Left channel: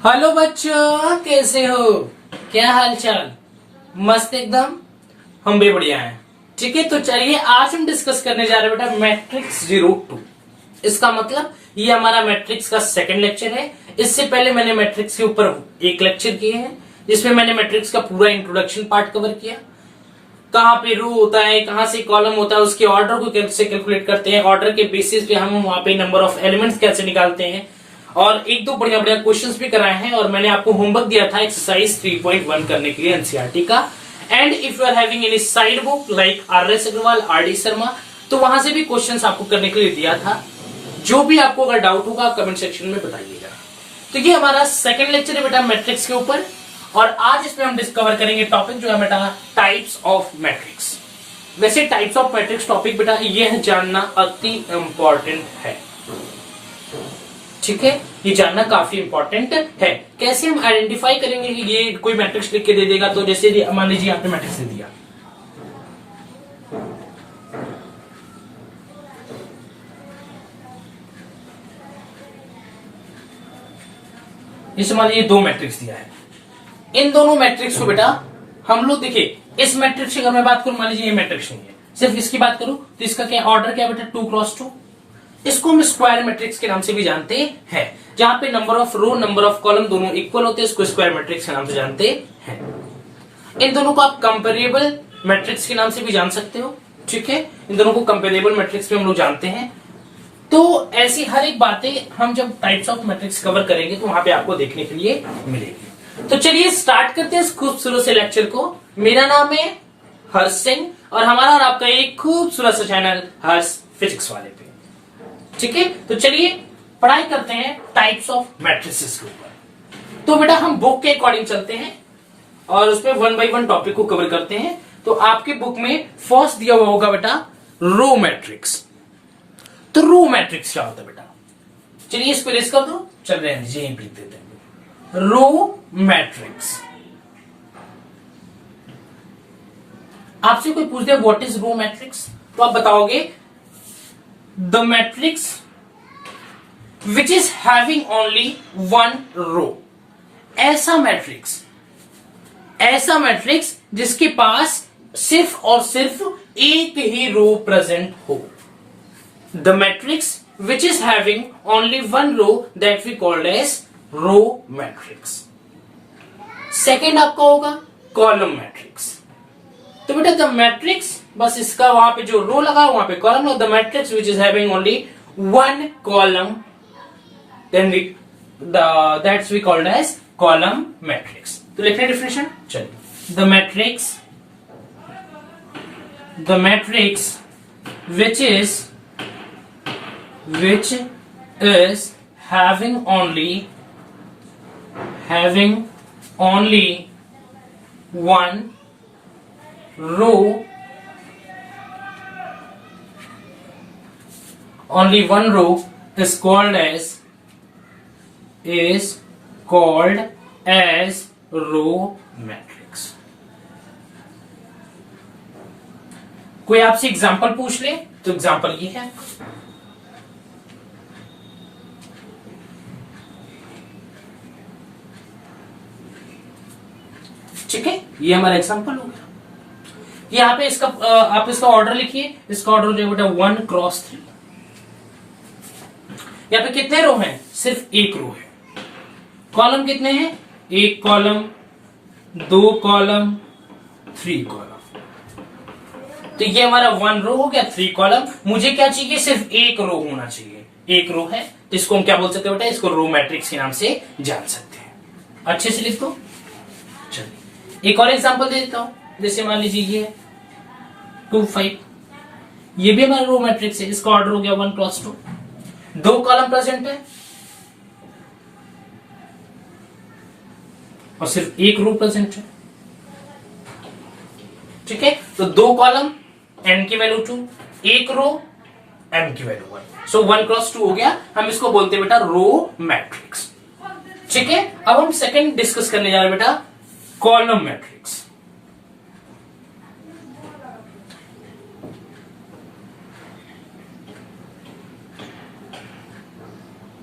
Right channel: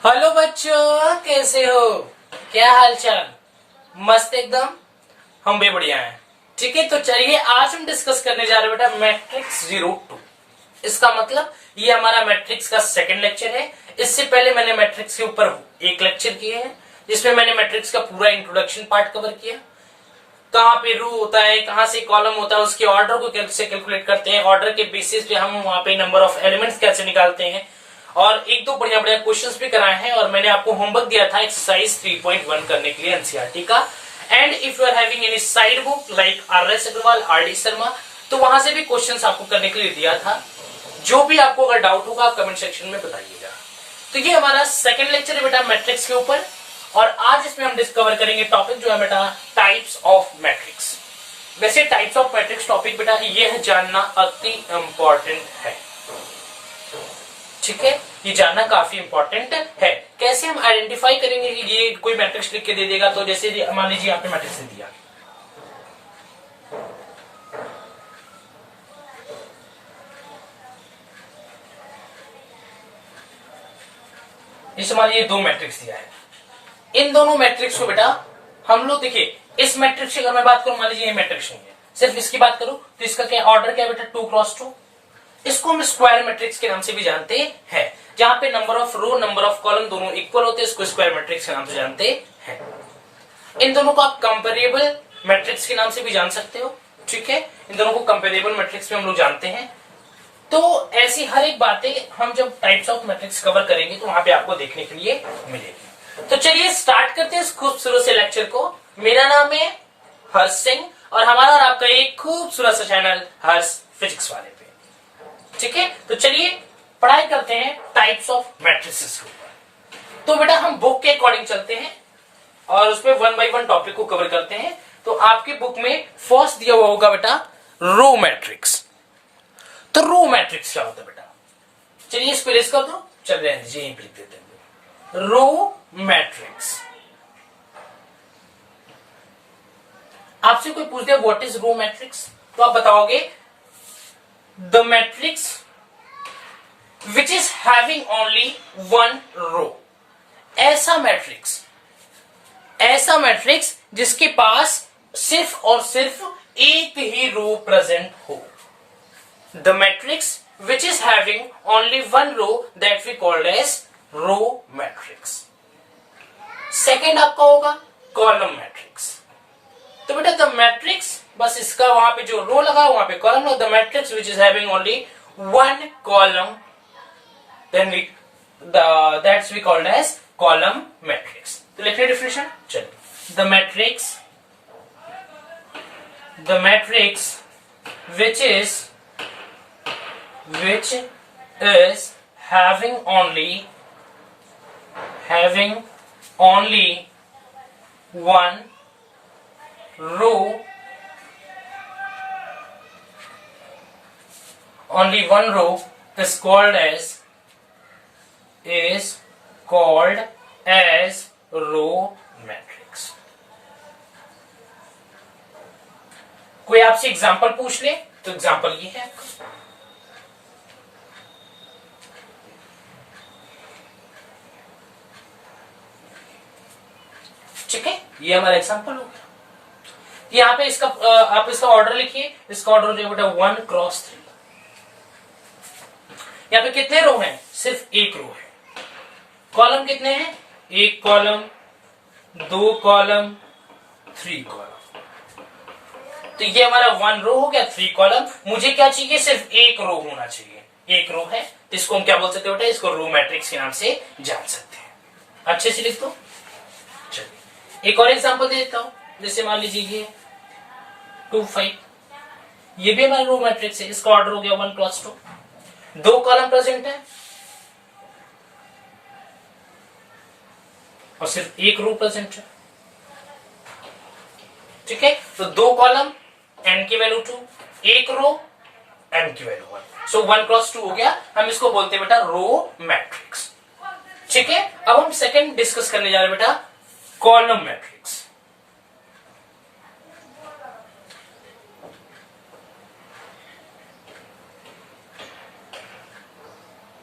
Hello बच्चों, कैसे हो? क्या हाल चाल? मस्त एकदम। हम भी बढ़िया हैं। ठीक है, तो चलिए आज हम डिस्कस करने जा रहे हैं बेटा मैट्रिक्स 02। इसका मतलब ये हमारा मैट्रिक्स का सेकंड लेक्चर है। इससे पहले मैंने मैट्रिक्स के ऊपर एक लेक्चर किए हैं जिसमें मैंने मैट्रिक्स का पूरा इंट्रोडक्शन पार्ट कवर किया। कहाँ पे रो होता है, कहाँ से कॉलम होता है, उसके ऑर्डर को कैसे कैलकुलेट करते हैं, ऑर्डर के बेसिस पे हम वहां पे नंबर ऑफ एलिमेंट्स कैसे निकालते हैं, और एक दो बढ़िया बढ़िया क्वेश्चंस भी कराए हैं। और मैंने आपको होमवर्क दिया था एक्सरसाइज 3.1 करने के लिए एनसीईआरटी का। And if you are having any side book like R S. Agarwal, R D. Sharma, तो वहां से भी क्वेश्चंस आपको करने के लिए दिया था। जो भी आपको अगर डाउट होगा आप कमेंट सेक्शन में बताइएगा। तो ये हमारा सेकंड लेक्चर है बेटा मैट्रिक्स के ऊपर, और आज इसमें हम डिस्कवर करेंगे टॉपिक जो है बेटा टाइप्स ऑफ मैट्रिक्स। वैसे टाइप्स ऑफ मैट्रिक्स टॉपिक बेटा ये जानना अति इंपॉर्टेंट है। ठीक है, ये जानना काफी इंपॉर्टेंट है। कैसे हम आइडेंटिफाई करेंगे कि ये कोई मैट्रिक्स लिख के दे देगा? तो जैसे मान लीजिए आपने मैट्रिक्स दे दिया, इस मान लीजिए दो मैट्रिक्स दिया है। इन दोनों मैट्रिक्स को बेटा हम लोग देखिए, इस मैट्रिक्स की अगर मैं बात करूं, मान लीजिए ये मैट्रिक्स नहीं है, सिर्फ इसकी बात करूं तो इसका क्या ऑर्डर क्या है बेटा? 2x2। इसको हम स्क्वायर मैट्रिक्स के नाम से भी जानते हैं। जहां पे number of row number of column दोनों इक्वल होते हैं, इसको स्क्वायर मैट्रिक्स के नाम से जानते हैं। इन दोनों को आप कंपेरेबल मैट्रिक्स के नाम से भी जान सकते हो। ठीक है, इन दोनों को कंपेरेबल मैट्रिक्स में हम लोग जानते हैं। तो ऐसी हर एक बातें हम जब टाइप्स ऑफ मैट्रिक्स कवर करेंगे तो वहां पे आपको देखने के लिए मिलेगी। तो चलिए स्टार्ट करते हैं इस खूबसूरत से लेक्चर को। मेरा नाम है हर्ष सिंह और हमारा और आपका एक खूबसूरत सा चैनल हर्ष फिजिक्स वाले पे। ठीक है, तो चलिए पढ़ाई करते हैं टाइप्स ऑफ मैट्रिसेस के ऊपर। तो बेटा हम बुक के अकॉर्डिंग चलते हैं और उसमें वन बाय वन टॉपिक को कवर करते हैं। तो आपके बुक में फर्स्ट दिया हुआ होगा बेटा रो मैट्रिक्स। तो रो मैट्रिक्स क्या होता है बेटा? चलिए इस पे रेस कर दो, चल रहे हैं जी, लिख देते हैं रो मैट्रिक्स। आपसे कोई पूछ दे व्हाट इज रो मैट्रिक्स, तो आप बताओगे the matrix which is having only one row. ऐसा मैट्रिक्स जिसके पास सिर्फ और सिर्फ एक ही रो प्रेजेंट हो। The matrix which is having only one row that we called as row matrix. Second आपका होगा column matrix. तो बेटा the matrix बस इसका वहां पे जो रो लगा वहां पे कॉलम लगा। The matrix which is having only one column, then that's we called as column matrix. तो लिखने डिफिनेशन चलिए, the matrix which is having only one row, is called as row matrix. कोई आपसे एग्जांपल पूछ ले तो example ये है। ठीक है, ये हमारा एग्जांपल हो गया। यहाँ पे इसका आप इसका ऑर्डर लिखिए। इसका ऑर्डर जो बेटा 1x3। यहाँ पे कितने रो हैं? सिर्फ एक रो है। कॉलम कितने हैं? एक कॉलम, दो कॉलम, 3 कॉलम। तो ये हमारा 1 रो हो गया, 3 कॉलम। मुझे क्या चाहिए? सिर्फ एक रो होना चाहिए। एक रो है, इसको हम क्या बोल सकते हैं बेटा? इसको रो मैट्रिक्स के नाम से जान सकते हैं। अच्छे से लिख दो। चलिए एक और एग्जांपल दे देता हूं। जैसे मान लीजिए ये 2 5, ये भी हमारा रो मैट्रिक्स है। इसका ऑर्डर हो गया 1x2। 2 कॉलम प्रेजेंट है और सिर्फ एक रो प्रेजेंट है। ठीक है, तो 2 कॉलम, n की वैल्यू 2, एक रो, m की वैल्यू 1। सो 1x2 हो गया। हम इसको बोलते हैं बेटा रो मैट्रिक्स। ठीक है, अब हम सेकंड डिस्कस करने जा रहे हैं बेटा column matrix.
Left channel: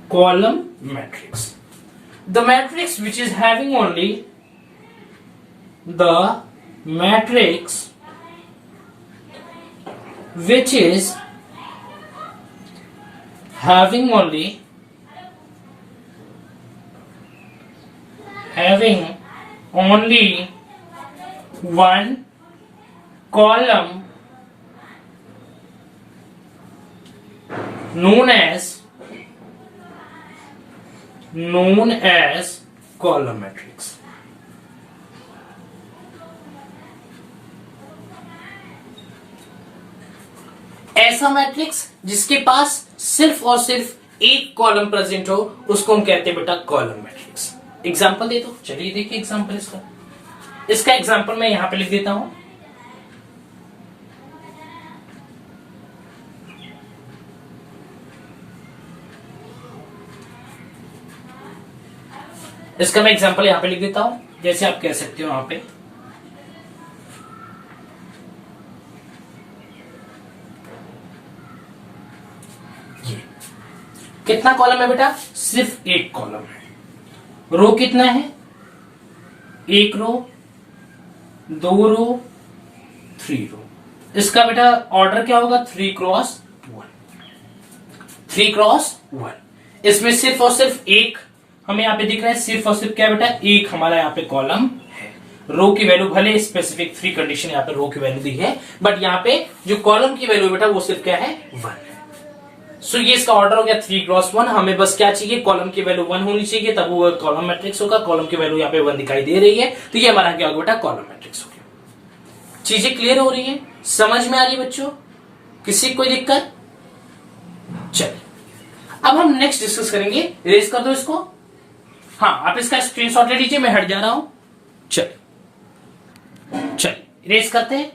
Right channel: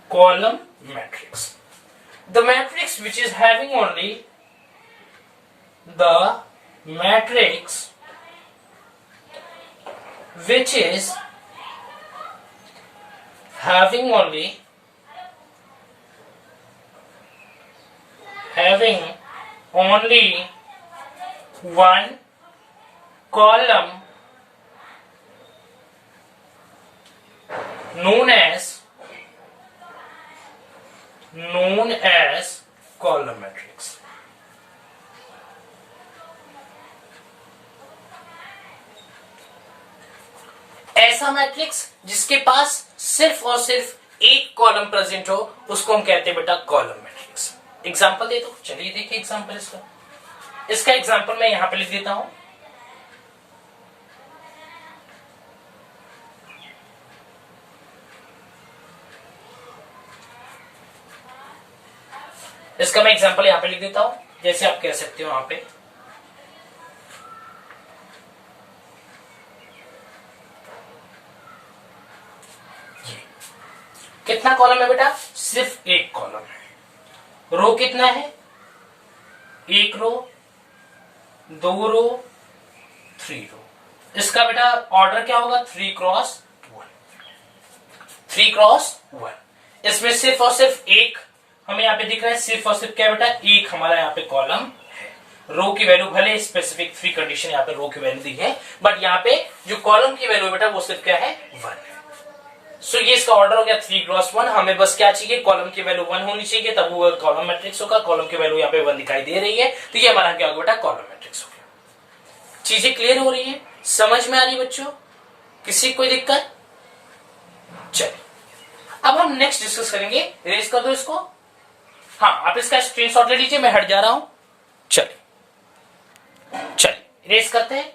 Column matrix The matrix which is having only the matrix which is having only one column known as column matrix. ऐसा मैट्रिक्स जिसके पास सिर्फ और सिर्फ एक कॉलम प्रेजेंट हो उसको हम कहते हैं बेटा कॉलम मैट्रिक्स। एग्जांपल दे दो, चलिए देखिए एग्जांपल इसका एग्जांपल मैं यहां पे लिख देता हूं। इसका मैं एग्जांपल यहां पे लिख देता हूं, जैसे आप कह सकते हो यहां पे कितना कॉलम है बेटा, सिर्फ एक कॉलम है। रो कितना है, एक रो, दो रो, 3 रो। इसका बेटा ऑर्डर क्या होगा, 3 क्रॉस 1। इसमें सिर्फ और सिर्फ एक हमें यहाँ पे दिख रहा है, सिर्फ और सिर्फ क्या बेटा, एक हमारा यहाँ पे कॉलम है। रो की वैल्यू भले स्पेसिफिक फ्री कंडीशन यहाँ पे रो की वैल्यू दी है, बट यहाँ पे जो कॉलम की वैल्यू बेटा वो सिर्फ क्या है, 1 है। सो ये इसका ऑर्डर हो गया 3 क्रॉस 1। हमें बस क्या चाहिए, कॉलम की वैल्यू 1 होनी चाहिए, तब वो कॉलम मैट्रिक्स होगा। कॉलम की वैल्यू यहाँ पे 1 दिखाई दे रही है, तो ये हमारा क्या होगा बेटा, कॉलम मैट्रिक्स हो गया। चीजें क्लियर हो रही है, समझ में आ रही है बच्चों, किसी कोई दिक्कत? चलिए अब हम नेक्स्ट डिस्कस करेंगे। इरेज कर दो इसको। हाँ, आप इसका स्क्रीनशॉट ले लीजिए, मैं हट जा रहा हूं। चलिए इरेज करते हैं।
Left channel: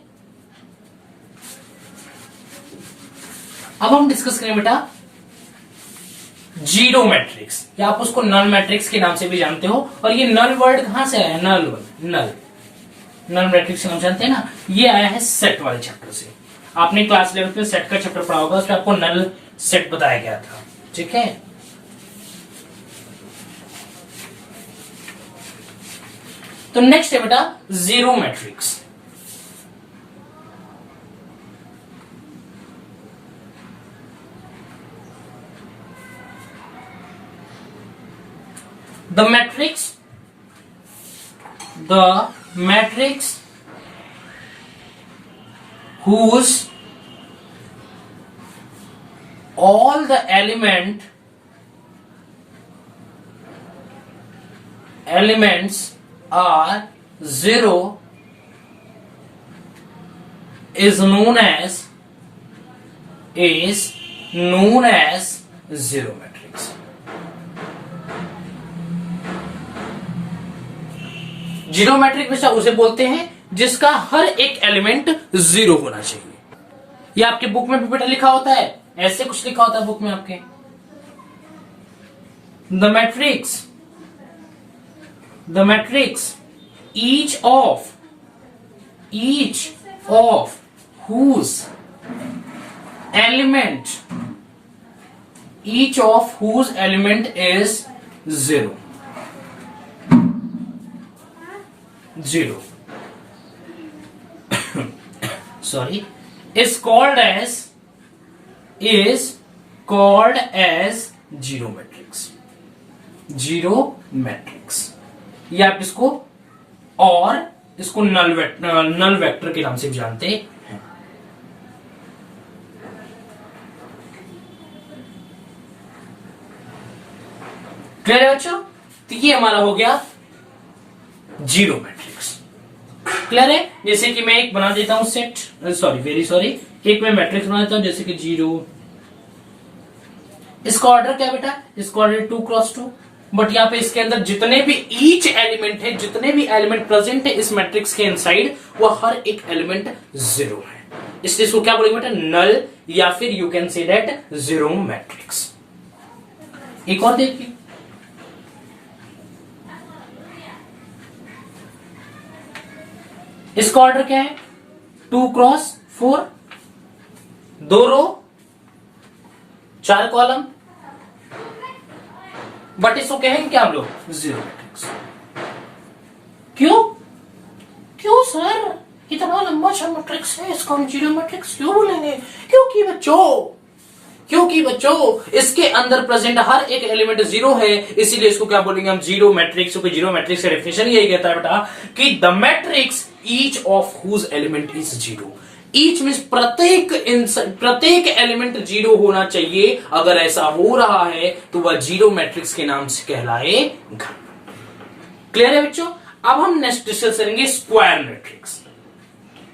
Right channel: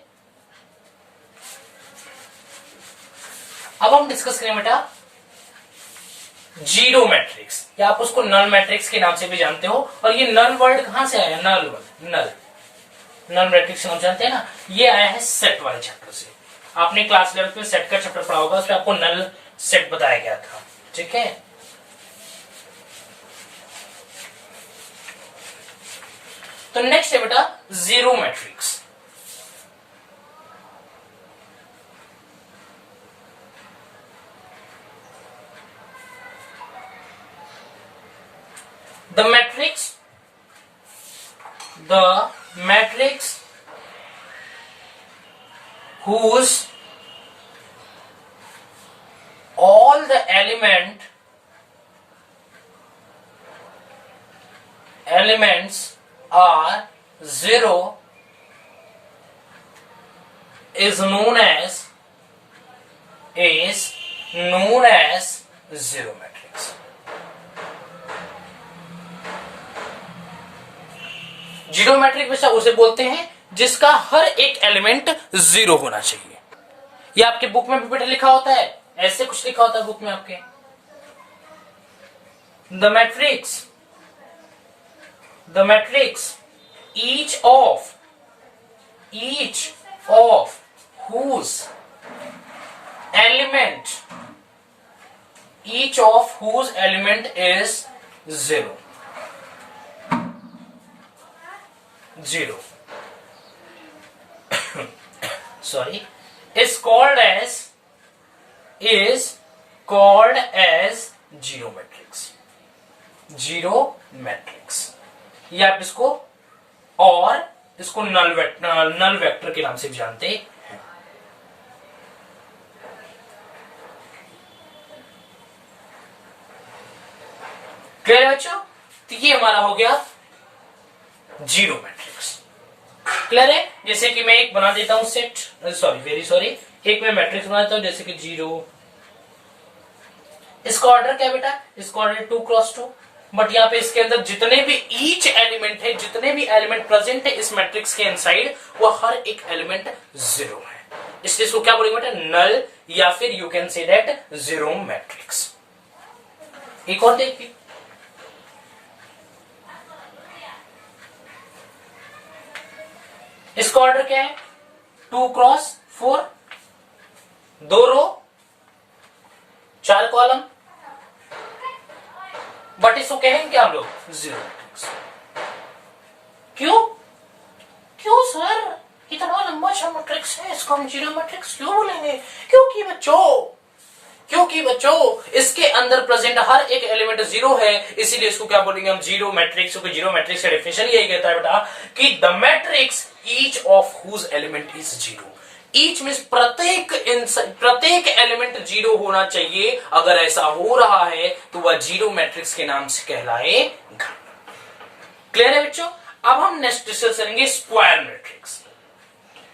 अब हम डिस्कस करें बेटा जीरो मैट्रिक्स, या आप उसको नल मैट्रिक्स के नाम से भी जानते हो। और ये नल वर्ड कहां से आया, नल मैट्रिक्स नाम जानते हैं ना, ये आया है सेट वाले चैप्टर से। आपने क्लास 11 में सेट का चैप्टर पढ़ा होगा, उसमें आपको नल सेट बताया गया था, ठीक है। तो नेक्स्ट है बेटा zero matrix. The matrix whose all the elements are zero is known as zero matrix. Zero matrix बच्चा उसे बोलते हैं जिसका हर एक एलिमेंट 0 होना चाहिए। ये आपके बुक में भी बेटा लिखा होता है, ऐसे कुछ लिखा होता है बुक में आपके। The matrix each of whose element is 0 sorry is called as zero matrix. ये आप इसको नल वेक्टर के नाम से भी जानते हैं। क्लियर है बच्चों? तो ये हमारा हो गया जीरो मैट्रिक्स। क्लियर है? जैसे कि मैं एक बना देता हूं सेट, एक मैं मैट्रिक्स बना देता हूं, जैसे कि 0। इसका ऑर्डर क्या बेटा, इसका ऑर्डर 2 क्रॉस 2। बट यहाँ पे इसके अंदर जितने भी ईच एलिमेंट है, जितने भी एलिमेंट प्रेजेंट है इस मैट्रिक्स के इनसाइड, वो हर एक एलिमेंट 0 है। इसलिए इसको क्या बोलेंगे बेटा, नल, या फिर you can say that zero matrix. एक और देखिए, इसका ऑर्डर क्या है, 2 क्रॉस 4, 2 रो, 4 कॉलम, बट इसको कहेंगे क्या हम लोग, जीरो मैट्रिक्स। क्यों क्यों सर, इतना लंबा सा मैट्रिक्स है, इसको हम जीरो मैट्रिक्स क्यों बोलेंगे? क्योंकि बच्चों इसके अंदर प्रेजेंट हर एक एलिमेंट जीरो है, इसीलिए इसको क्या बोलेंगे हम, जीरो मैट्रिक्स। क्योंकि जीरो मैट्रिक्स का डेफिनेशन यही कहता है बेटा कि the matrix each of whose element is zero. Each means प्रत्येक एलिमेंट जीरो होना चाहिए। अगर ऐसा हो रहा है तो वह जीरो मैट्रिक्स के नाम से कहलाएगा। क्लियर है बच्चों? अब हम नेक्स्ट डिस्कस करेंगे स्क्वायर मैट्रिक्स।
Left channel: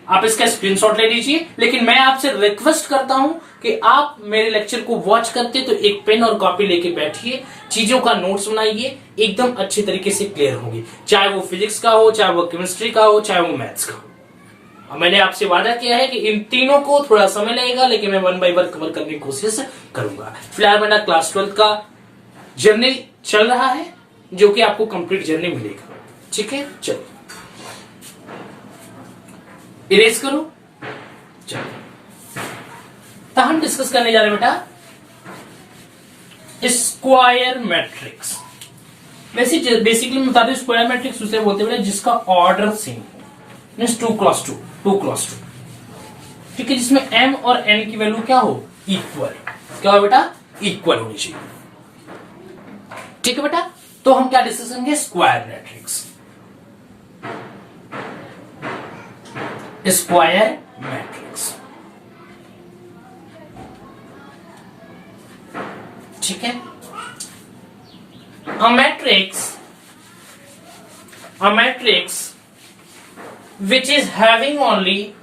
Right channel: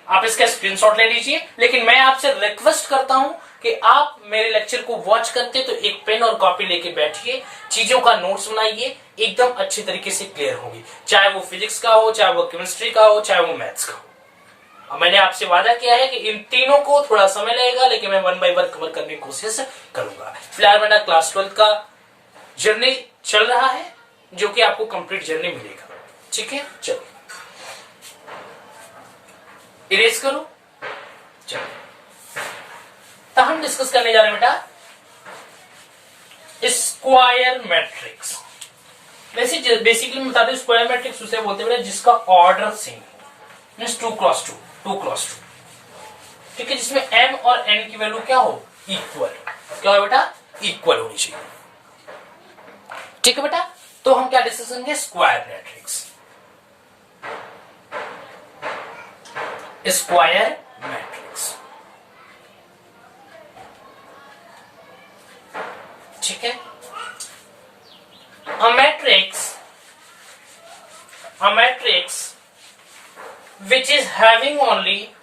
आप इसका स्क्रीनशॉट ले लीजिए, लेकिन मैं आपसे रिक्वेस्ट करता हूं कि आप मेरे लेक्चर को वॉच करते तो एक पेन और कॉपी लेके बैठिए, चीजों का नोट्स बनाइए, एकदम अच्छे तरीके से क्लियर होगी। चाहे वो फिजिक्स का हो, चाहे वो केमिस्ट्री का हो, चाहे वो मैथ्स का हो। अब मैंने आपसे वादा किया है कि इन तीनों को थोड़ा समय लगेगा, लेकिन मैं 1 बाय 1 कवर करने की कोशिश करूंगा। फिलहाल मेरा क्लास 12 का जर्नी चल रहा है, जो कि आपको कंप्लीट जर्नी मिलेगा। ठीक है, चलो इरेज करो। चलो तो हम डिस्कस करने जा रहे हैं बेटा स्क्वायर मैट्रिक्स। बेसिकली मैं बता दूं, स्क्वायर मैट्रिक्स उसे बोलते हैं बेटा जिसका order same means 2 cross 2, 2 cross 2। ठीक है, जिसमें m और n की वैल्यू क्या हो, इक्वल। क्या हो बेटा, इक्वल होनी चाहिए। ठीक है बेटा, तो हम क्या डिस्कस करेंगे, स्क्वायर मैट्रिक्स। स्क्वायर मैट्रिक्स, ठीक है। A matrix which is having only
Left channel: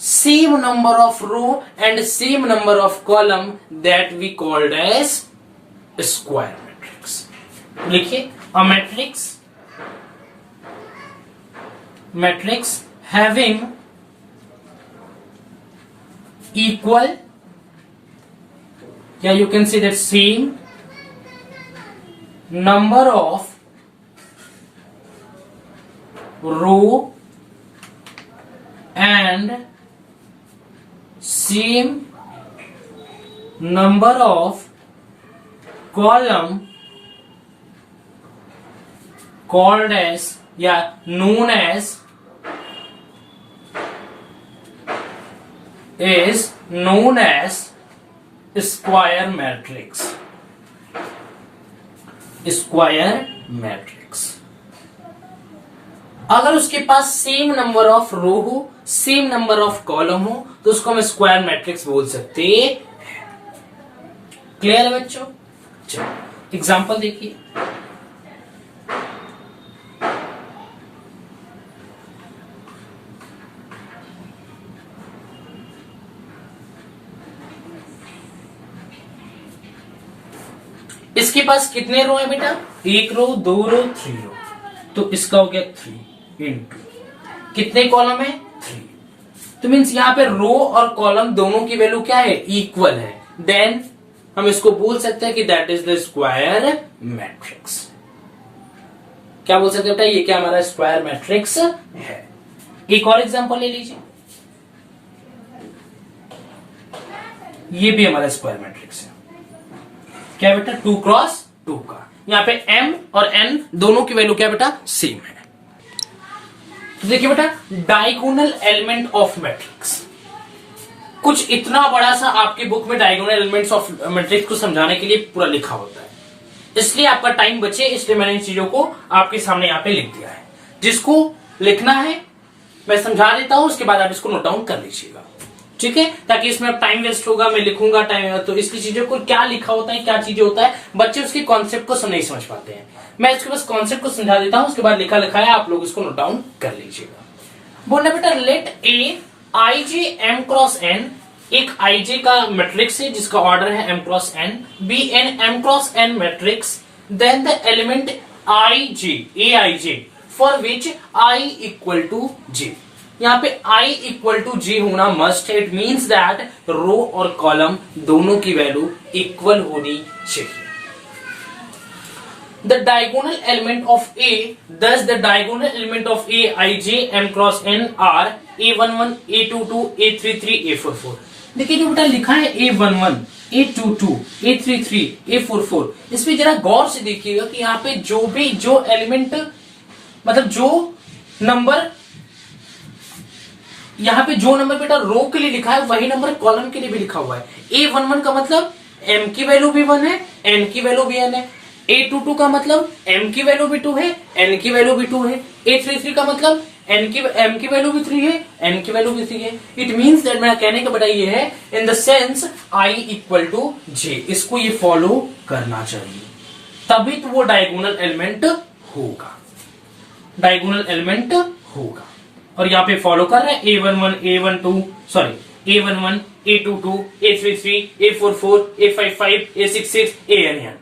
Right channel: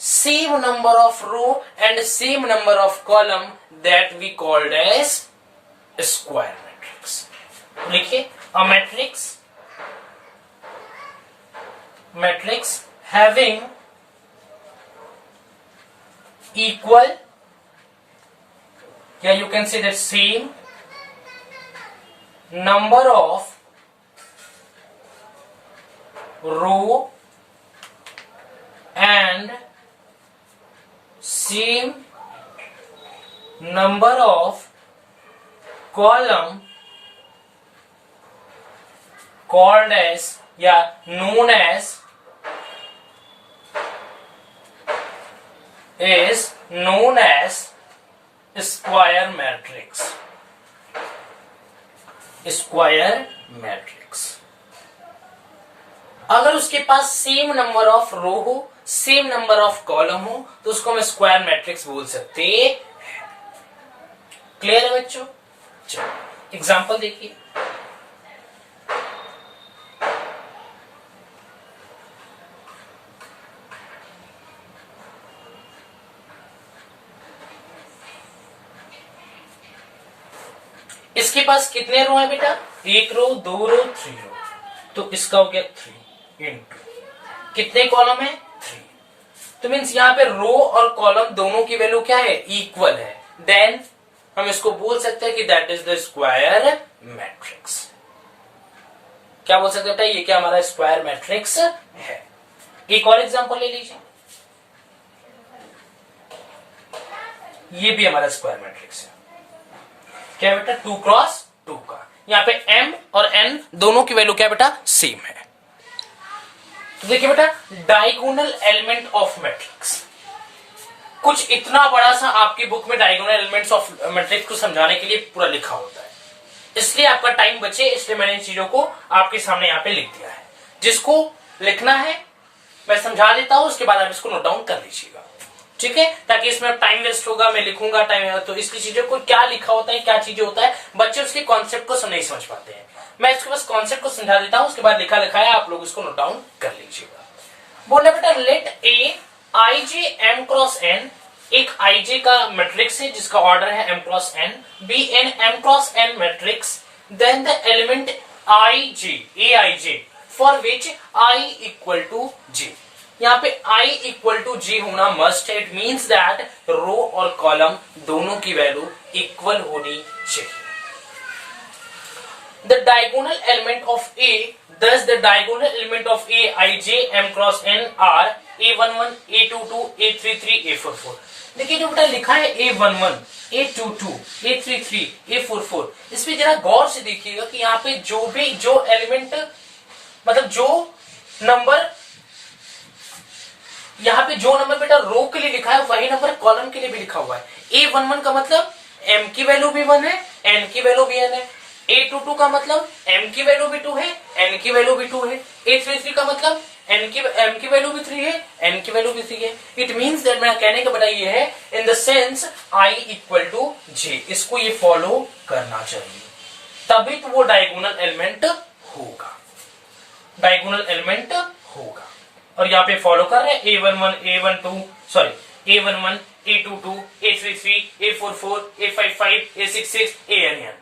same number of row and same number of column that we called as square matrix. लिखिए, a matrix having equal, yeah, you can say that same number of row and same number of column called as, yeah, known as, is known as square matrix. Square matrix. अगर उसके पास same number of रो हो, same number of column हो, तो उसको हम square matrix बोल सकते हैं। क्लियर है बच्चों? चलो एग्जांपल देखिए। इसके पास कितने रो है बेटा, 1 रो, 2 रो, 3 रो, तो इसका हो गया 3 इंटू कितने कॉलम है, 3। तो मीन्स यहाँ पे रो और कॉलम दोनों की वैल्यू क्या है, इक्वल है। देन हम इसको बोल सकते हैं कि that is the square matrix. क्या बोल सकते हैं बेटा, ये क्या हमारा स्क्वायर मैट्रिक्स है। एक और एग्जांपल ले लीजिए, ये भी हमारा स्क्वायर मैट्रिक्स है। क्या बेटा, 2 क्रॉस 2 का। यहां पे m और n दोनों की वैल्यू क्या बेटा, सेम है। देखिए बेटा, डायगोनल एलिमेंट ऑफ मैट्रिक्स, कुछ इतना बड़ा सा आपकी बुक में डायगोनल एलिमेंट्स ऑफ मैट्रिक्स को समझाने के लिए पूरा लिखा होता है, इसलिए आपका टाइम बचे, इसलिए मैंने इन चीजों को आपके सामने यहाँ पे लिख दिया है। जिसको लिखना है मैं समझा देता हूं, उसके बाद आप इसको नोट डाउन कर लीजिएगा। ठीक है, ताकि इसमें टाइम वेस्ट होगा, मैं लिखूंगा टाइम, तो इसकी चीजों को क्या लिखा होता है, क्या चीजें होता है, बच्चे उसके कॉन्सेप्ट को नहीं समझ पाते हैं। मैं इसके बस कॉन्सेप्ट को समझा देता हूं, उसके बाद लिखा है, आप लोग इसको नोट डाउन कर लीजिएगा। बोलना बेटा, late A i J M cross N, एक आई जे का मैट्रिक्स है जिसका ऑर्डर है m cross n, be an m cross n matrix, then the element i j, a i j, for which i equal to j. यहाँ पे i equal to जी होना must है। It means that row और column दोनों की value equal होनी चाहिए। The diagonal element of a, thus the diagonal element of a, I, j, m cross n are a11, a22, a33, a44. देखिए जो बेटा लिखा है A11, A22, A33, A44, इसमें जरा गौर से देखिएगा कि यहाँ पे जो एलिमेंट मतलब जो नंबर यहाँ पे जो नंबर बेटा रो के लिए लिखा है वही नंबर कॉलम के लिए भी लिखा हुआ है। A11 का मतलब m की वैल्यू भी 1 है, n की वैल्यू भी n है। A22 का मतलब m की वैल्यू भी 2 है, n की वैल्यू भी 2 है। A33 का मतलब m की वैल्यू भी 3 है, n की वैल्यू भी 3 है। इट मीन्स दैट मेरा कहने का बेटा ये है in the sense I equal to j, इसको ये फॉलो करना चाहिए, तभी तो वो डायगोनल एलिमेंट होगा, डायगोनल एलिमेंट होगा। और यहाँ पे फॉलो कर रहे हैं A11, A12, sorry A11, A22, A33, A44, A55, A66, ANN।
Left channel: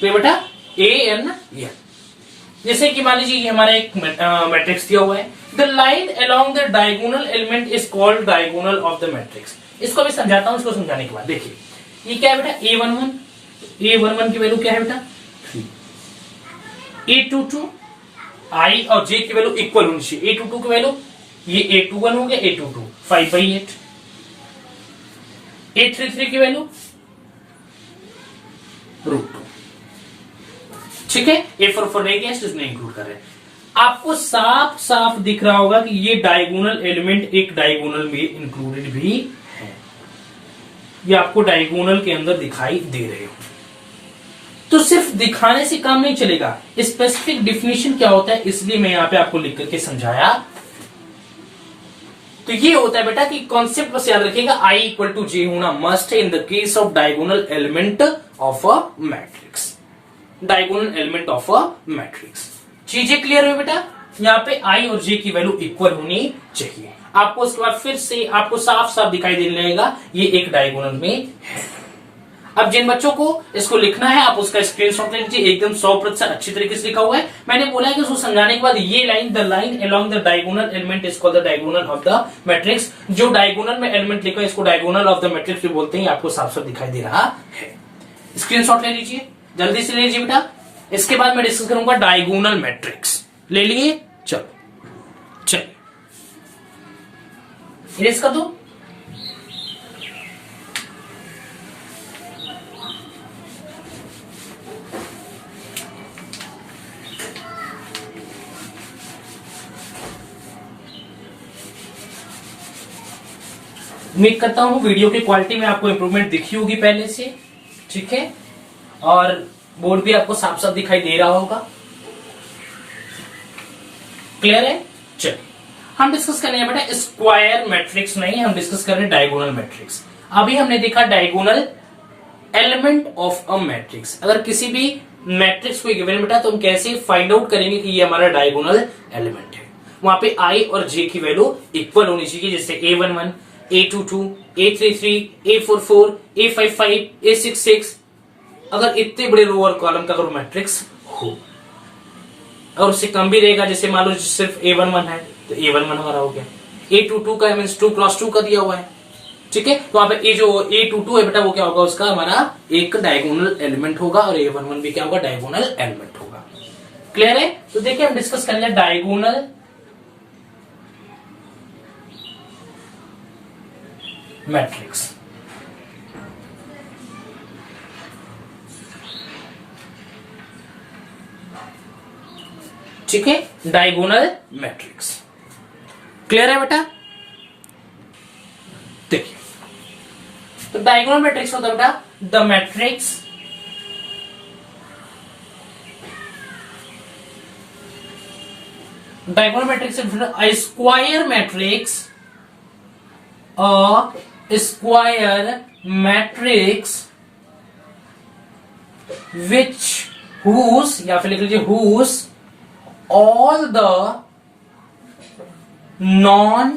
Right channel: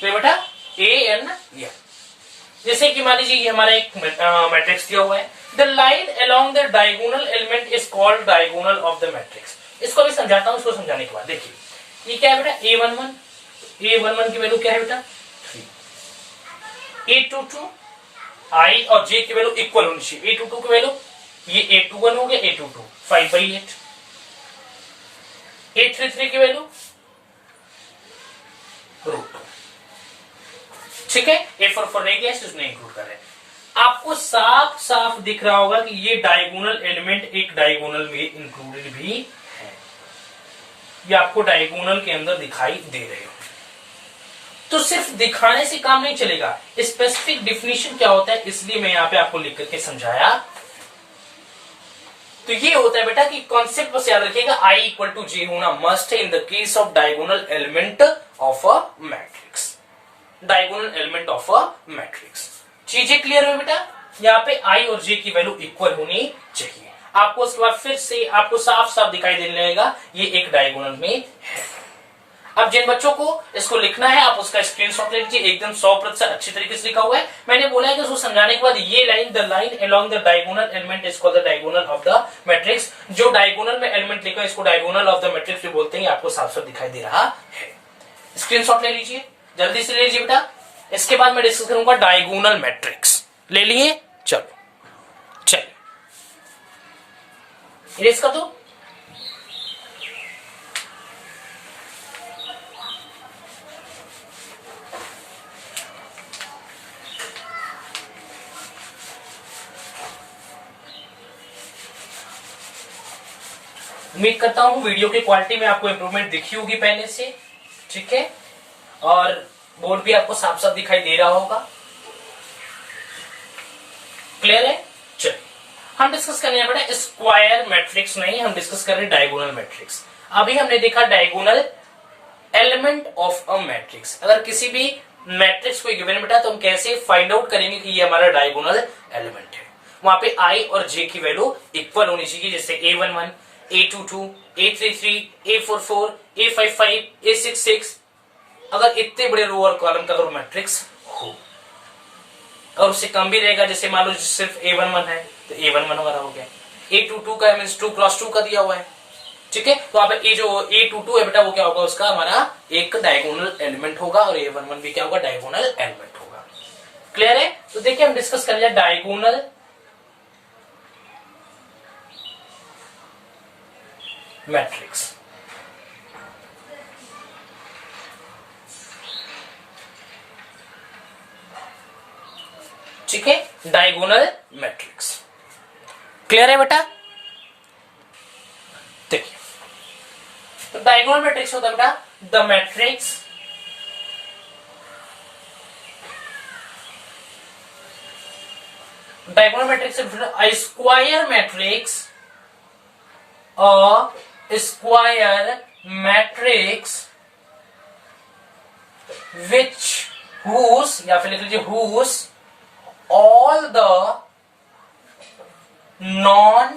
तो बेटा ANN। जैसे कि मान लीजिए हमारा एक मैट्रिक्स दिया हुआ है, the line along the diagonal element is called diagonal of the matrix. इसको भी समझाता हूं, इसको समझाने के बाद देखिए ये क्या है बेटा A11, A11 की वैल्यू क्या है बेटा 3, A22 I और J की वैल्यू इक्वल होनी चाहिए। A22 की वैल्यू ये A21 हो गया, A22 5/8, A33 की वैल्यू √2, ठीक है। A44 रह गया, इसमें इंक्लूड कर रहे हैं। आपको साफ साफ दिख रहा होगा कि ये डायगोनल एलिमेंट एक डायगोनल में इंक्लूडेड भी है, ये आपको डायगोनल के अंदर दिखाई दे रहे हो। तो सिर्फ दिखाने से काम नहीं चलेगा, स्पेसिफिक डिफिनीशन क्या होता है, इसलिए मैं यहां पे आपको लिख करके समझाया। तो ये होता है बेटा कि कॉन्सेप्ट बस याद रखिएगा, I इक्वल टू J होना मस्ट है in the case of diagonal element of a matrix, diagonal element of a matrix. चीजें क्लियर है बेटा, यहाँ पे I और J की वैल्यू इक्वल होनी चाहिए। आपको उसके बाद फिर से आपको साफ साफ दिखाई देने लगेगा ये एक डायगोनल में है। अब जिन बच्चों को इसको लिखना है आप उसका स्क्रीनशॉट ले लीजिए, एकदम 100% अच्छी तरीके से लिखा हुआ है। मैंने बोला है कि उसको समझाने के बाद ये line, the line along the diagonal element is called the diagonal of the matrix. जो डायगोनल में एलिमेंट लिखा है इसको डायगोनल ऑफ द मैट्रिक्स भी बोलते हैं, आपको साफ साफ दिखाई दे रहा है। स्क्रीनशॉट ले लीजिए, जल्दी से ले लीजिए बेटा। इसके बाद मैं डिस्कस करूंगा डायगोनल मैट्रिक्स। ले लिए, चलो चलिए इरेज कर दो। उम्मीद करता हूं वीडियो की क्वालिटी में आपको इंप्रूवमेंट दिखी होगी पहले से, ठीक है, और बोर्ड भी आपको साफ साफ दिखाई दे रहा होगा। क्लियर है? चलिए हम डिस्कस कर रहे हैं बेटा स्क्वायर मैट्रिक्स नहीं, हम डिस्कस कर रहे हैं डायगोनल मैट्रिक्स। अभी हमने देखा diagonal element of a matrix. अगर किसी भी मैट्रिक्स को गिवन बेटा तो हम कैसे फाइंड आउट करेंगे कि ये हमारा डायगोनल एलिमेंट है। वहां पे I और J की वैल्यू इक्वल होनी चाहिए, जैसे A11, A22, A33, A44, A55, A66। अगर इतने बड़े रो और कॉलम का अगर मैट्रिक्स हो और उससे कम भी रहेगा, जैसे मान लो सिर्फ A11 है तो A11 हमारा हो गया। A22 का मीन्स 2x2 का दिया हुआ है, ठीक है। तो आप ये जो A22 है बेटा वो क्या होगा, उसका हमारा एक डायगोनल एलिमेंट होगा, और A11 भी क्या होगा, डायगोनल एलिमेंट होगा। क्लियर है? तो देखिए हम डिस्कस कर लिया डायगोनल मैट्रिक्स। ठीक है, डायगोनल मैट्रिक्स। क्लियर है बेटा? देखिए तो डायगोनल मैट्रिक्स होता है बेटा the matrix diagonal matrix a square matrix, a square matrix which whose या फिर लिख लीजिए whose all the non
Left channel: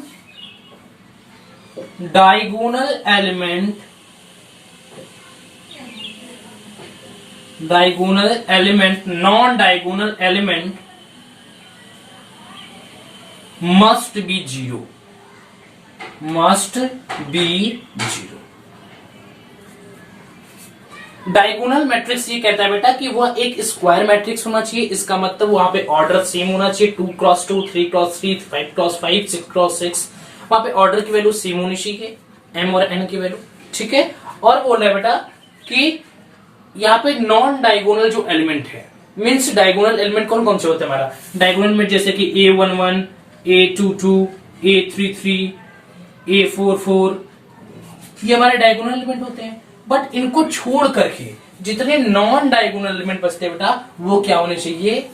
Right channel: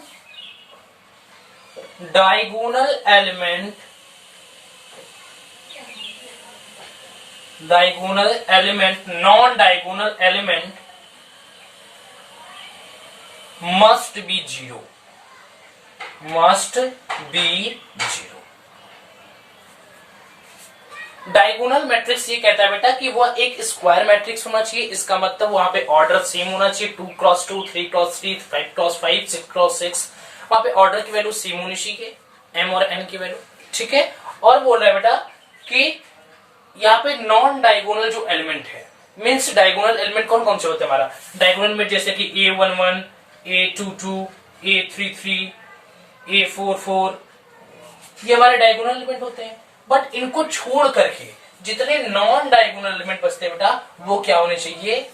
diagonal element non diagonal element must be zero, must be zero। Diagonal matrix ये कहता है बेटा कि वह एक स्क्वायर मैट्रिक्स होना चाहिए। इसका मतलब वहां पे ऑर्डर सेम होना चाहिए, 2x2, 3x3, 5x5, 6x6। वहां पे ऑर्डर की वैल्यू सेम होनी चाहिए, एम और एन की वैल्यू, ठीक है। और बोल रहा है बेटा कि यहाँ पे नॉन डायगोनल जो एलिमेंट है, मीन्स डायगोनल एलिमेंट कौन कौन से होते हैं हमारा डायगोनल में, जैसे कि A11, A22, A33, A44, ये हमारे डायगोनल एलिमेंट होते हैं। बट इनको छोड़ करके जितने नॉन डायगोनल एलिमेंट बचते हैं बेटा, वो क्या होने चाहिए,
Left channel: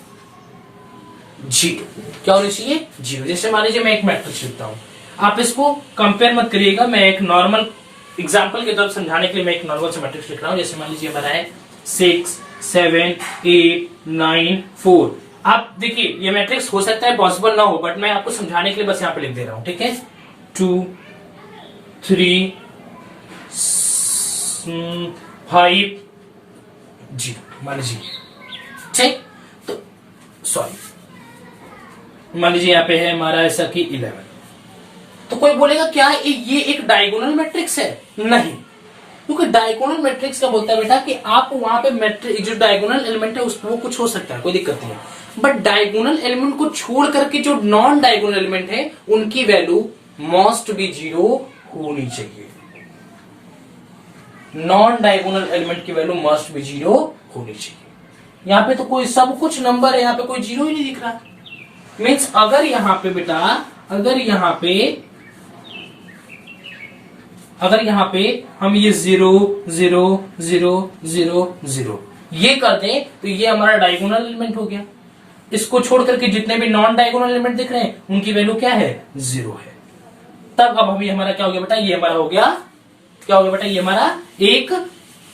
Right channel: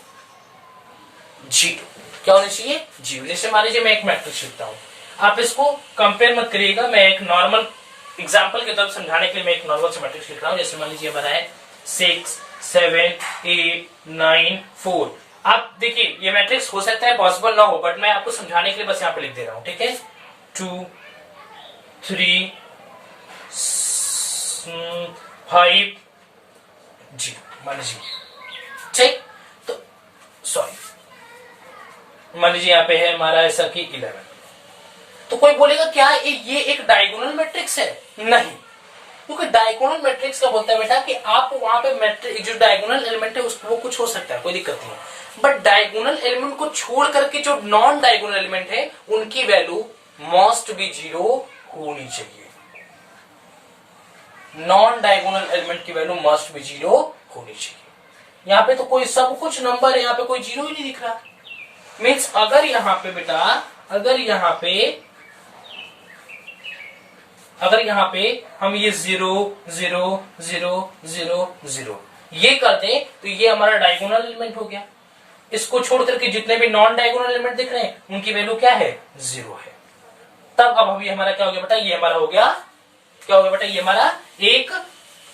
जीरो। क्या होने चाहिए, जीरो। जैसे मान लीजिए मैं एक मैट्रिक्स लिखता हूं, आप इसको कंपेयर मत करिएगा, मैं एक नॉर्मल एग्जाम्पल की तरफ समझाने के लिए मैं एक नॉर्मल से मैट्रिक्स लिख रहा हूं। जैसे मान लीजिए हमारा है 6, 7, 8, 9, 4। आप देखिए ये मैट्रिक्स हो सकता है पॉसिबल ना हो, बट मैं आपको समझाने के लिए बस यहां पे लिख दे रहा हूं, ठीक है। 2, 3, 5, 0 मान लीजिए, ठीक। तो सॉरी, मान लीजिए यहां पे है हमारा ऐसा कि 11। तो कोई बोलेगा क्या ये एक डायगोनल मैट्रिक्स है? नहीं, क्योंकि डायगोनल मैट्रिक्स का बोलता है बेटा कि आप वहां पे मैट्रिक्स जो डायगोनल एलिमेंट है उसको वो कुछ हो सकता है, कोई दिक्कत नहीं है। बट डायगोनल एलिमेंट को छोड़ करके जो नॉन डायगोनल एलिमेंट है उनकी वैल्यू मस्ट बी जीरो होनी चाहिए। नॉन डायगोनल एलिमेंट की वैल्यू मस्ट बी जीरो होनी चाहिए। यहां पे तो कोई सब कुछ नंबर है, यहां पे कोई जीरो ही नहीं दिख रहा। मीन्स अगर यहां पे बेटा, अगर यहां पे हम ये 0 0 0 0 0 ये कर दें तो ये हमारा डायगोनल एलिमेंट हो गया। इसको छोड़ करके जितने भी नॉन डायगोनल एलिमेंट दिख रहे हैं उनकी वैल्यू क्या है, 0 है। तब अब अभी हमारा क्या हो गया बेटा, ये हमारा हो गया, क्या हो गया बेटा, ये हमारा एक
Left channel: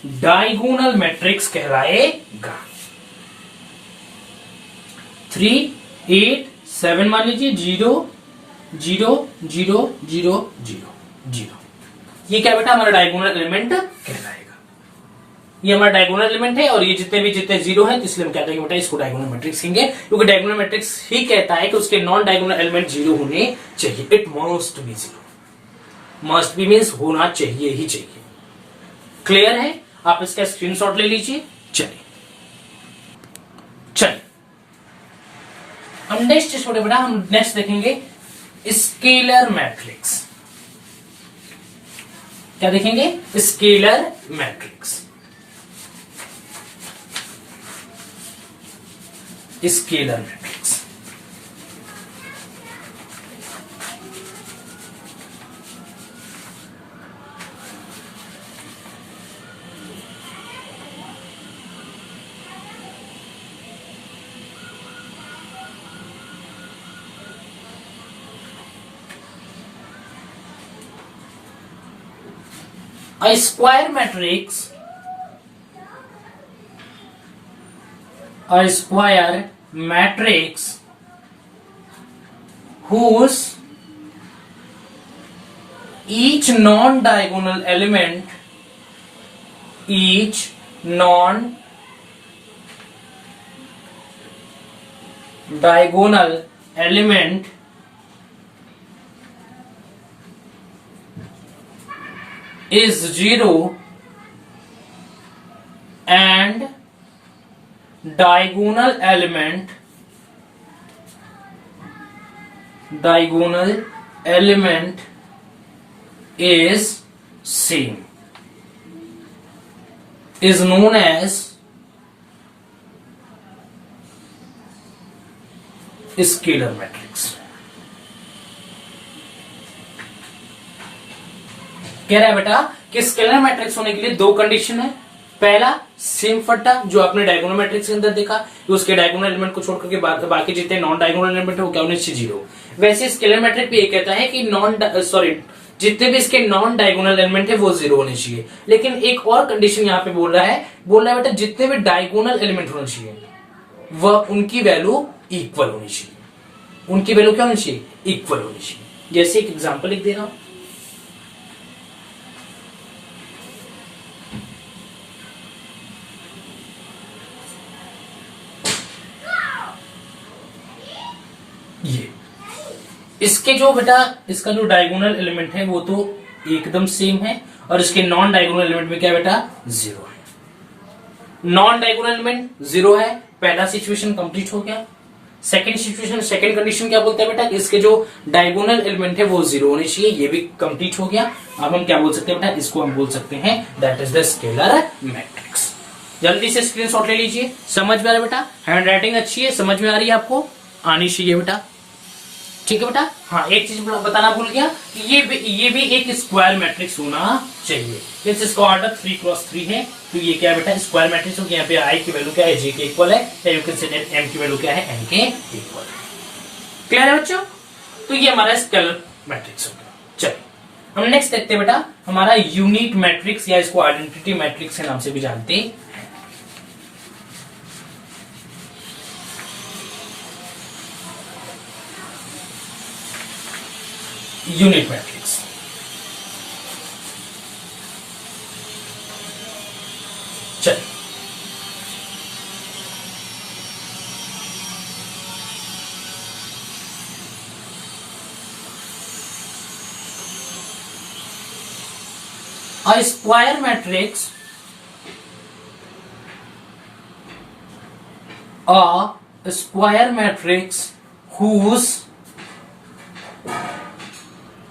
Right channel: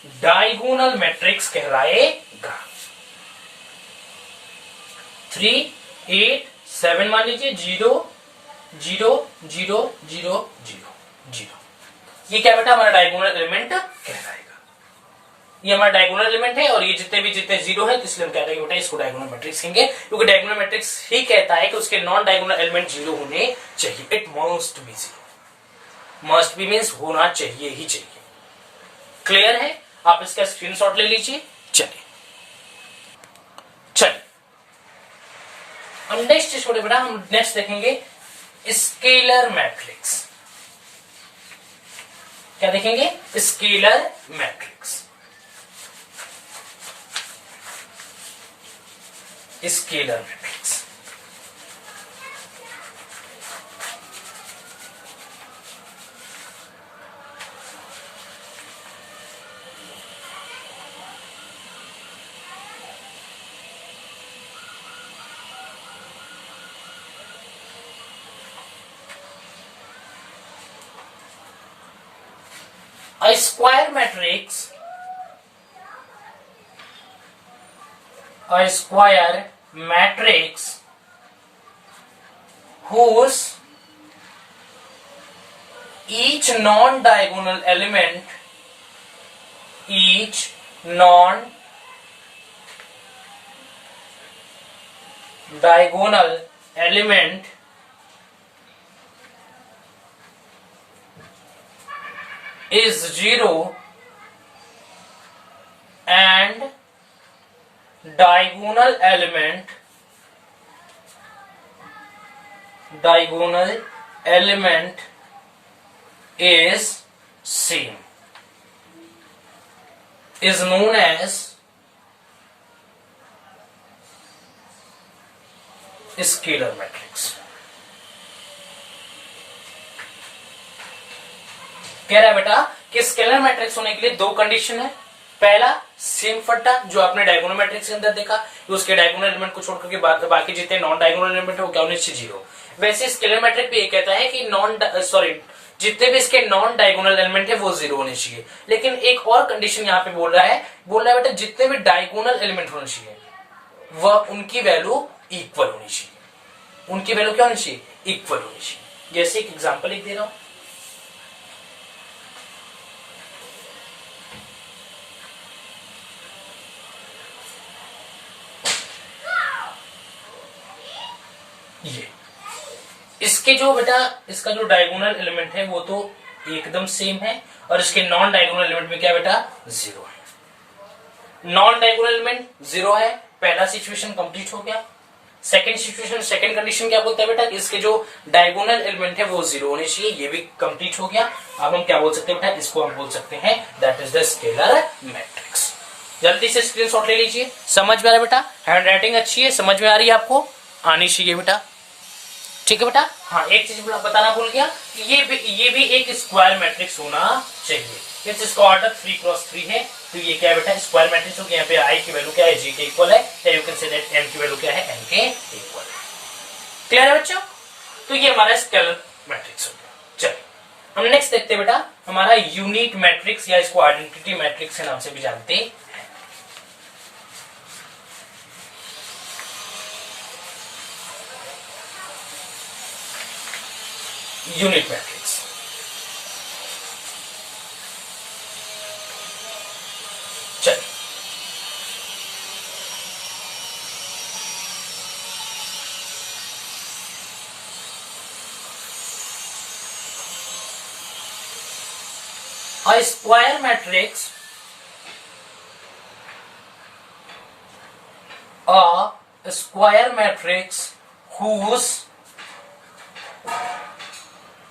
डायगोनल मैट्रिक्स कहलाएगा। 3, 8, 7 मान लीजिए, 0 0 0 0 0 0, ये क्या बेटा हमारा डायगोनल एलिमेंट कहलाएगा। ये हमारा डायगोनल एलिमेंट है और ये जितने जीरो है, इसलिए हम क्या कहेंगे बेटा, इसको डायगोनल मैट्रिक्स कहेंगे, क्योंकि डायगोनल मैट्रिक्स ही कहता है कि उसके नॉन डायगोनल एलिमेंट जीरो होने चाहिए। It must be zero, must be means होना चाहिए ही चाहिए। क्लियर है? आप इसका स्क्रीनशॉट ले लीजिए। चलिए हम नेक्स्ट छोटे बेटा, हम नेक्स्ट देखेंगे स्केलर मैट्रिक्स। क्या देखेंगे, scalar matrix. Scalar matrix A square matrix, whose each non-diagonal element is 0 and diagonal element is same, is known as scalar matrix. कह रहा है बेटा कि स्केलर मैट्रिक्स होने के लिए दो कंडीशन है। पहला सेम फट्टा जो आपने डायगोनल मैट्रिक्स के अंदर देखा, उसके डायगोनल एलिमेंट को छोड़कर के बाकी जितने नॉन डायगोनल एलिमेंट है वो क्या होने चाहिए, जीरो। वैसे स्केलर मैट्रिक भी ये कहता है कि जितने भी इसके नॉन डायगोनल एलिमेंट है वो जीरो होने चाहिए। लेकिन एक और कंडीशन यहाँ पे बोल रहा है बेटा जितने भी डायगोनल एलिमेंट होने चाहिए वह उनकी वैल्यू इक्वल होनी चाहिए। उनकी वैल्यू क्या होनी चाहिए, इक्वल होनी चाहिए। जैसे एक एग्जांपल लिख दे रहा हूं, ये इसके जो बेटा इसका जो डायगोनल एलिमेंट है वो तो एकदम सेम है और इसके नॉन डायगोनल एलिमेंट में क्या बेटा, जीरो है। नॉन डायगोनल एलिमेंट जीरो है, पहला सिचुएशन कंप्लीट हो गया। सेकंड सिचुएशन, सेकंड कंडीशन क्या बोलता है बेटा, इसके जो डायगोनल एलिमेंट है वो 0 होने चाहिए। ये भी कंप्लीट हो गया। अब हम क्या बोल सकते हैं बेटा, इसको हम बोल सकते हैं that is the scalar matrix. जल्दी से स्क्रीनशॉट ले लीजिए। समझ में आ रहा है बेटा, हैंड राइटिंग अच्छी है, समझ में आ रही है आपको, आनी चाहिए बेटा, ठीक है बेटा। हाँ, एक चीज बताना भूल गया, ये भी एक स्क्वायर मैट्रिक्स होना चाहिए। इसका ऑर्डर 3x3 है, तो ये क्या है बेटा, स्क्वायर मैट्रिक्स हो गया। यहाँ पे आई की वैल्यू क्या है, जे के इक्वल है, या you can say that M की वैल्यू क्या है, एन के इक्वल है। क्लियर है बच्चों? तो ये हमारा स्केलर मैट्रिक्स हो गया। चलिए हम नेक्स्ट देखते हैं बेटा, हमारा यूनिट मैट्रिक्स, या इसको आइडेंटिटी मैट्रिक्स के नाम से भी जानते हैं। यूनिट मैट्रिक्स, चलिए a square matrix, a square matrix whose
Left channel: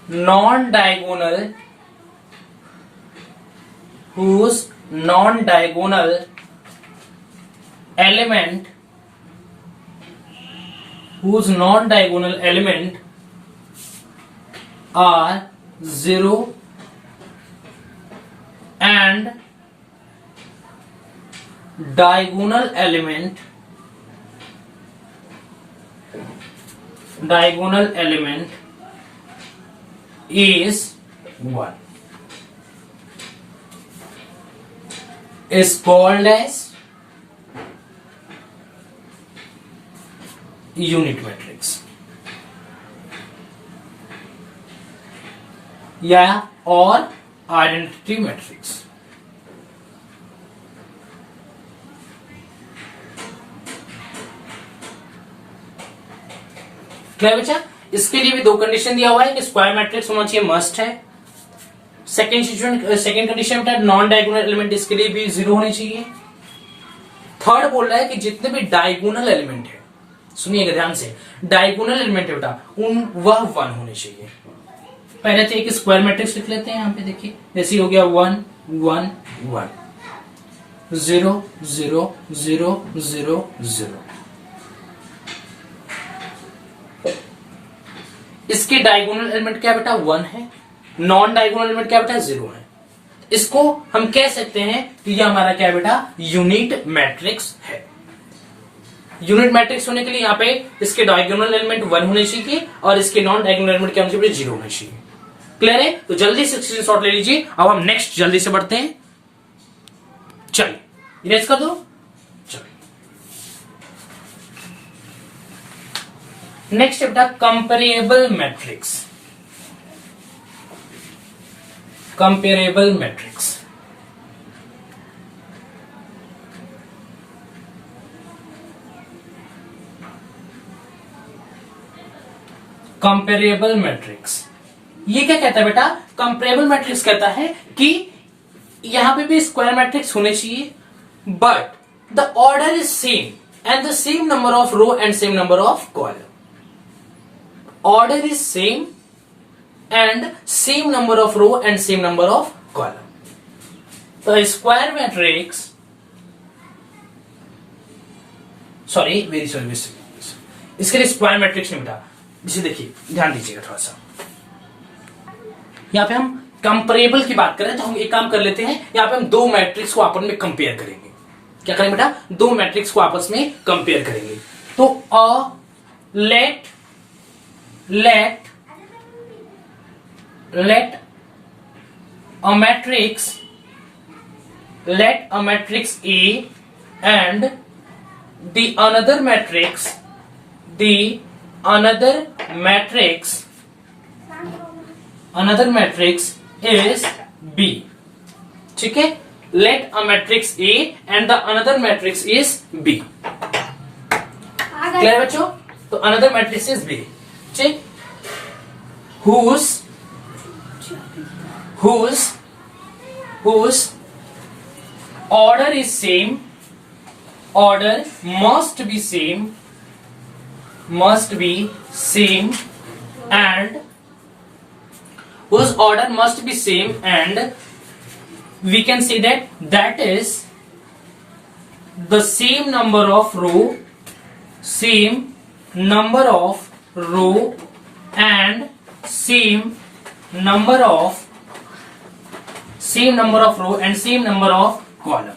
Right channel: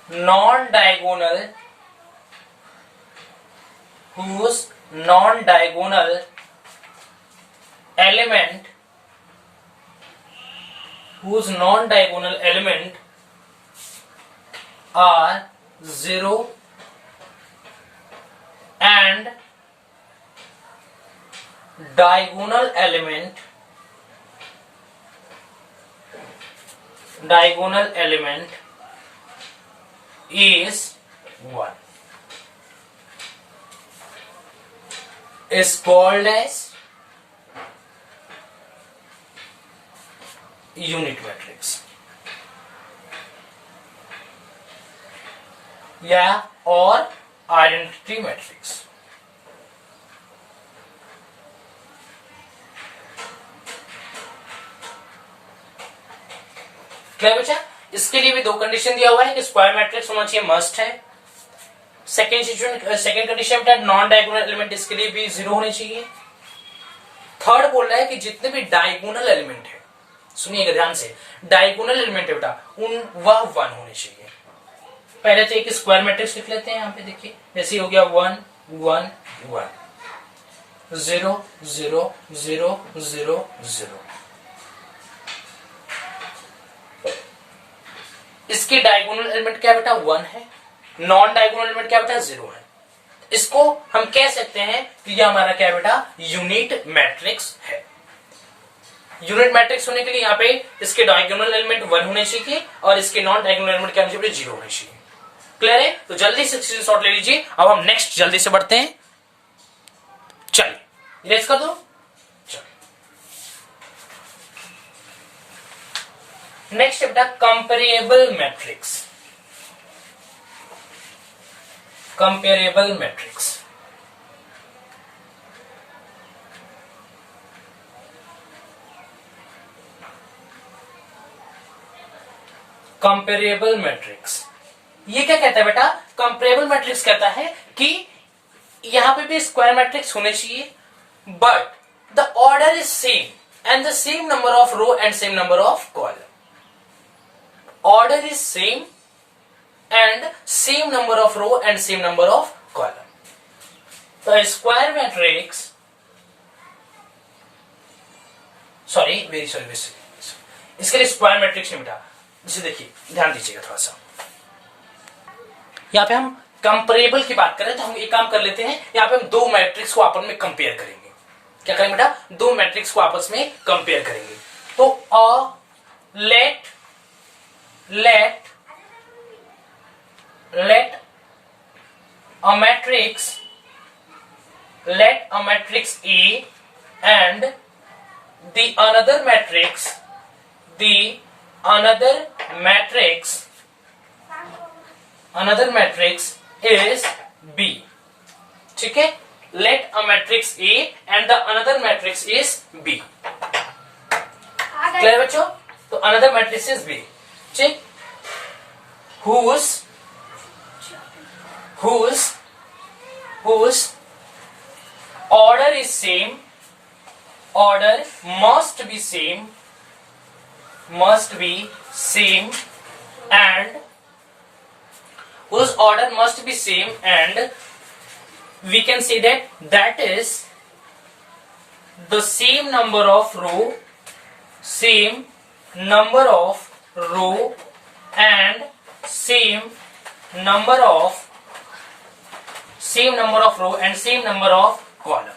non-diagonal element are 0 and diagonal element is 1 is called as unit matrix, या और आइडेंटिटी मैट्रिक्स। क्या बच्चा, इसके लिए भी दो कंडीशन दिया हुआ है कि स्क्वायर मैट्रिक्स होना चाहिए, मस्ट है। सेकंड कंडीशन में नॉन डायगोनल एलिमेंट, इसके लिए भी 0 होने चाहिए। थर्ड बोल रहा है कि जितने भी डायगोनल एलिमेंट है, सुनिएगा ध्यान से, डायगोनल एलिमेंट है बेटा, वह 1 होने चाहिए। पहले तो एक स्क्वायर मैट्रिक्स लिख लेते हैं। यहां पे देखिए, जैसे हो गया 1 1 1 0 0 0 0 0। इसके डायगोनल एलिमेंट क्या बेटा, 1 है। नॉन डायगोनल एलिमेंट क्या बेटा, 0 है। इसको हम कह सकते हैं कि ये हमारा क्या बेटा, यूनिट मैट्रिक्स है। यूनिट मैट्रिक्स होने के लिए यहाँ पे इसके डायगोनल एलिमेंट 1 होने चाहिए और इसके नॉन डायगोनल एलिमेंट क्या होने चाहिए, 0 होने चाहिए। क्लियर है? तो जल्दी से स्क्रीनशॉट ले लीजिए। अब हम नेक्स्ट जल्दी से बढ़ते हैं। चलिए इरेज कर दो। नेक्स्ट बेटा comparable matrix. Comparable matrix, comparable matrix ये क्या कहता है बेटा, कंपेरेबल मैट्रिक्स कहता है कि यहां पे भी स्क्वायर मैट्रिक्स होने चाहिए, but the order is same and the same number of row and same number of column. Order is same and same number of row and same number of column. The square matrix, इसके लिए square matrix नहीं बेटा। जिसे देखिए ध्यान दीजिएगा थोड़ा सा, यहां पे हम कंपेरेबल की बात करें तो हम एक काम कर लेते हैं, यहां पे हम दो मैट्रिक्स को आपस में कंपेयर करेंगे। क्या करेंगे बेटा, दो मैट्रिक्स को आपस में कंपेयर करेंगे। तो late a matrix A and the another matrix is B। ठीक है, let a matrix A and the another matrix is B। Clear बच्चों? तो another matrix is B, ठीक, whose order is same, order must be same must be same and whose order must be same, and we can say that is the same number of row and same number of row and same number of column.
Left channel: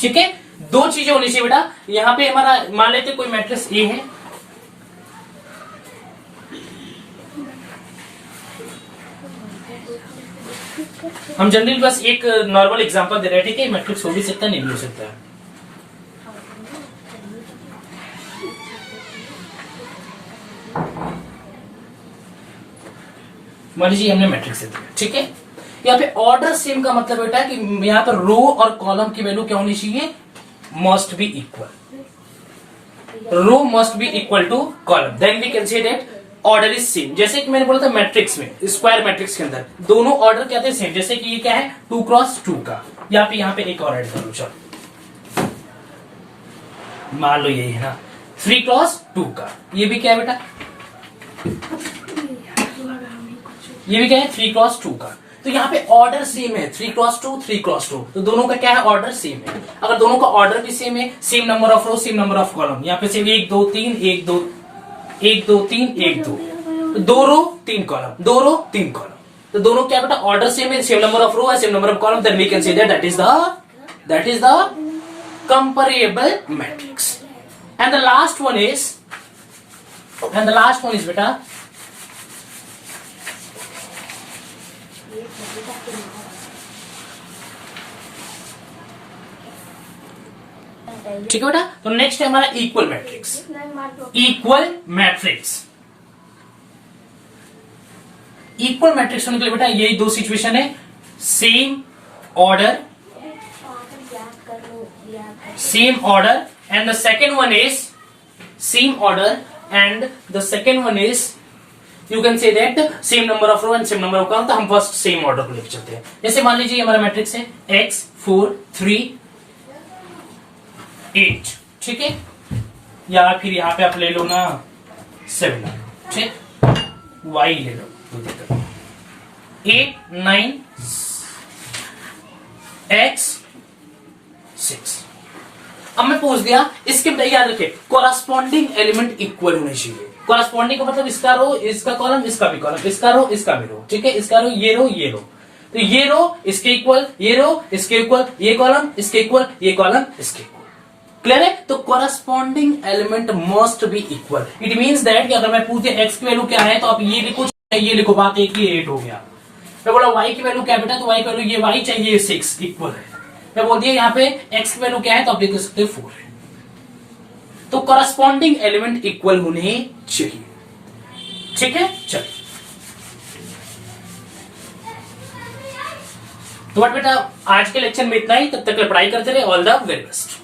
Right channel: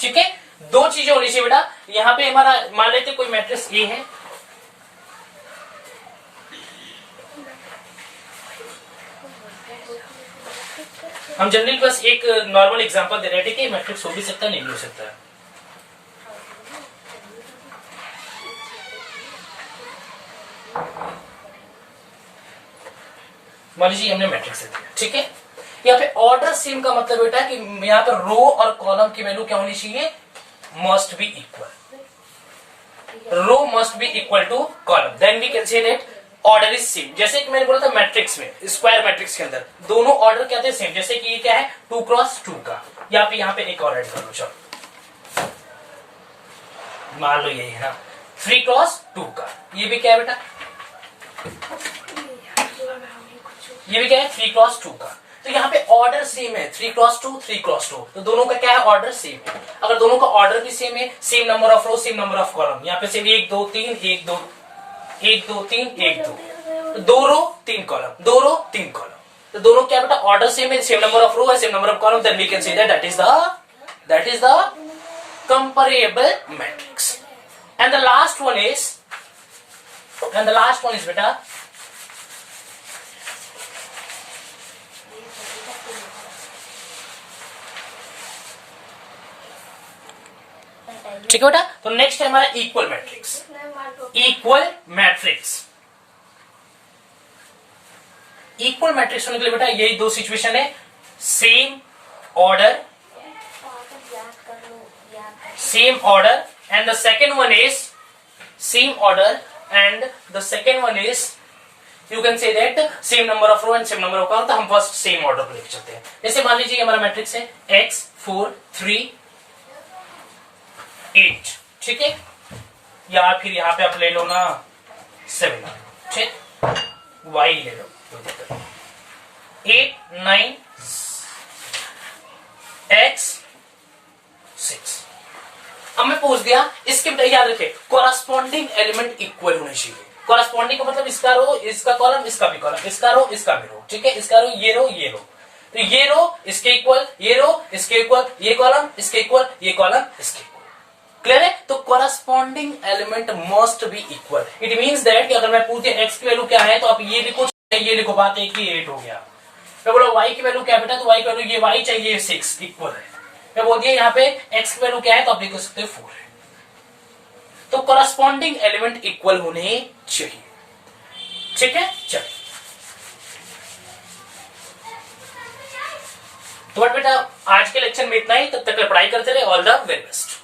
ठीक है, दो चीजें होनी चाहिए बेटा. यहां पे हमारा मान लेते कोई मैट्रिक्स ए है, हम जनरली बस एक नॉर्मल एग्जांपल दे रहे थे कि मैट्रिक्स हो भी सकता है, नहीं भी हो सकता है. मान लीजिए हमने मैट्रिक्स दिया, ठीक है. यहाँ पे ऑर्डर सेम का मतलब बेटा कि यहाँ पर रो और कॉलम की वैल्यू क्या होनी चाहिए, must be equal. Row must be equal to column, then we can say that order is same. जैसे कि मैंने बोला था मैट्रिक्स में, स्क्वायर मैट्रिक्स के अंदर दोनों ऑर्डर क्या थे, सेम. जैसे कि ये क्या है 2x2 का, यहाँ पे एक और ऐड कर लो. चलो मान लो यही है ना 3x2 का, ये भी क्या है बेटा, ये भी क्या है 3x2 का. तो यहाँ पे ऑर्डर सेम है 3x2, तो दोनों का क्या है, ऑर्डर सेम है. अगर दोनों का ऑर्डर भी सेम है, same number of row, same number of column, यहाँ पे सिर्फ 1 2 3 1 2 1 2 3 1 2, तो 2 रो 3 कॉलम, 2 रो 3 कॉलम, तो दोनों क्या बेटा ऑर्डर सेम है, सेम नंबर ऑफ रो है, same number of column, then we can say that is the comparable matrix. And the last one is बेटा ठीक है बेटा. तो नेक्स्ट है हमारा इक्वल मैट्रिक्स. इक्वल मैट्रिक्स होने के लिए बेटा यही दो सिचुएशन है, same order and the second one is same order and the second one is you can say that same number of row and same number of column. तो हम first sem order को लेकर चलते हैं. जैसे मान लीजिए हमारा मैट्रिक्स है x 4 3 8, ठीक है, या फिर यहां पे आप ले लो ना 7, ठीक, y ले लो 8 9 x 6. अब मैं पूछ दिया, इसके याद रखे कॉरस्पॉन्डिंग एलिमेंट इक्वल होने चाहिए. कॉरस्पॉन्डिंग का मतलब इसका रो इसका कॉलम इसका भी कॉलम, इसका रो इसका भी रो, ठीक है, इसका रो ये रो ये रो, तो ये रो इसके इक्वल, ये रो इसके इक्वल, ये कॉलम इसके इक्वल, ये कॉलम इसके इक्वल. क्लियर है. तो corresponding element must be equal. It means that कि अगर मैं पूछ दिया x की वैल्यू क्या है, तो आप ये लिखो बात एक ही 8 हो गया. मैं बोला y की वैल्यू क्या बेटा, तो y की वैल्यू ये y चाहिए 6 इक्वल है. मैं बोल दिया यहाँ पे x की वैल्यू क्या है, तो आप लिख सकते 4 है. तो कॉरस्पॉन्डिंग एलिमेंट इक्वल होने चाहिए, ठीक है. चलिए तो बट बेटा आज के लेक्चर में इतना ही. तब तक पढ़ाई करते रहे. All the very best.